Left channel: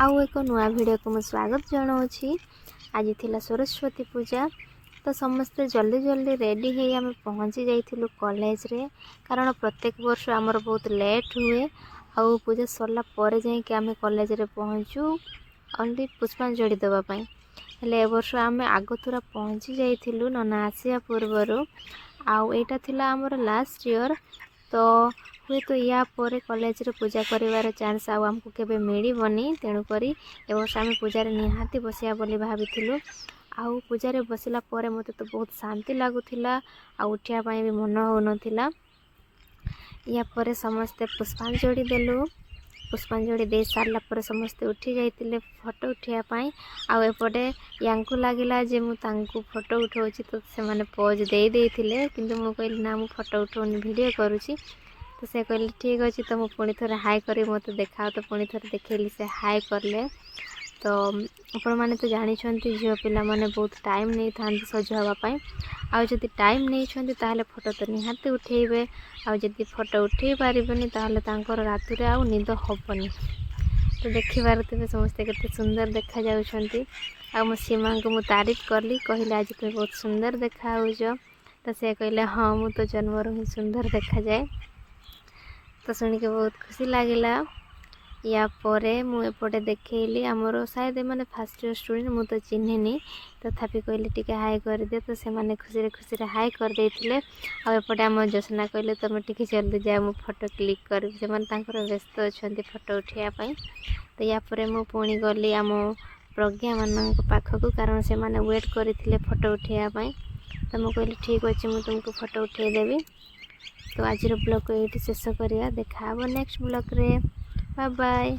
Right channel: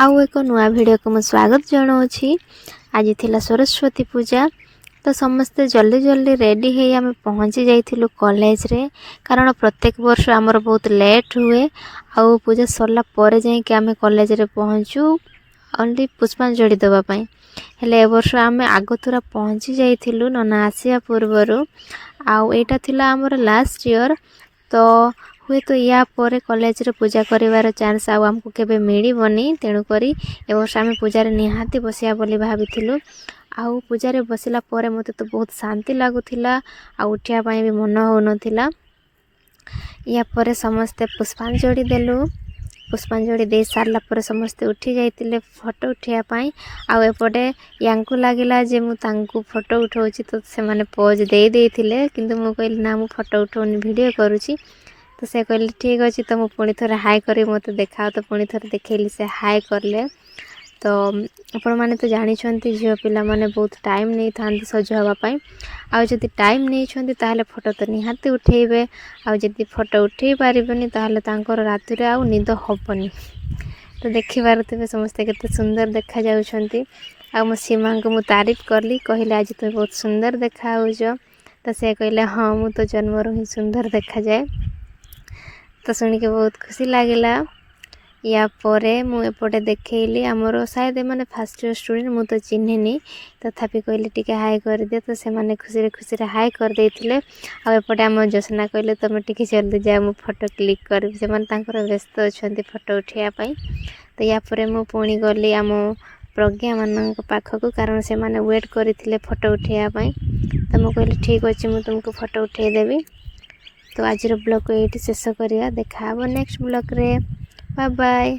आउ एक नुआ वीडियो को मैं स्वागत जनाऊँगी। आज थिला सरस्वती पूजा तो समस्ते जल्दी जल्दी रेडी है आम पहुँची जाइलु कॉलेज रे कारण प्रत्येक वर्ष आमर बहुत लेट हुए आउ पूजा सरला परे जाई कि आम कॉलेज रे पहुँचू ओनली पुष्पांजलि देवाई हेले ए वर्ष आम आगतुरा पहुँची जाइलु नना आसिया पूर्वर आउ एटा थिला आमर लास्ट ईयर तो हुए तो या पर कॉलेज रे पूजा करिवार चांस आमको केबे मिलबनी तेणुक ए वर्ष आम पूजा निहाती बसिया बोली भाविथिलु। आउ पूजा रे बसिला परे मते तो बहुत शांति लागुथिला आउ उठिया पई भी मन होनथिला। या पर समस्ते पुष्पांजलि देलु पुष्पांजलि दे सारला पर समस्ते उठी जाइतिले फोटो उठिया पई आउ एपटे यांकु लागिला जे मु तांकु फोटो उठाउची तो से माने पोज दे देथिले किंतु मु कहली ना मु फोटो उठाउनी वीडियो करूची तो से कहले ठीक अच्छे तो मुझे पुणी थोड़े हाई कर मत देखा तो पुणी थोड़े देखली से हाई करले तो आपण मैंने तो जानी झील पिला माने बहुत टाइम नहीं था सज हाँपाई आउ जदि टाइम नहीं ताहले फोटो तो निहाती उठेबे आउ जदि फोटो उठे पारबनी ताहले तांकर राति आउ निद हबनी तो देखि पारुथिबे समस्ते केते सुंदर देखा जाउछंती। आ मो सीमा को मु तारीफ करली कहले आज तो बहुत सुंदर देखा होजो तो से कहले हाँ मु तो जन्मरू ही सुंदर देखा जाए तो शुणिक बहुत खुशी लगिला। या परे मु एपटे देखली आमर शायद मैंने फास्ट ईयर स्टूडेंट मु तो चिन्हनी तथापि कहले टिके हाई कर दे तो से माने खुशी खुशी हाई कर देथिले। आ एपटे आम जोशना कहले तुम टिके जल्दी जा मु फोटो क्लिक कर से माने तांकर व्यस्त अछंती फोटो उठिया पई तो या परे मु पुणी गली आम प्रज्ञा मान पाखक कारण से माने वेट करथिले फोटो उठिया पई तो मु कहले ठीक अछि मु तुमको फोटो उठे देबी। तो आज ब्लॉग को ये शेष करिया देखा नेक्स्ट ब्लॉग रे बाय बाय।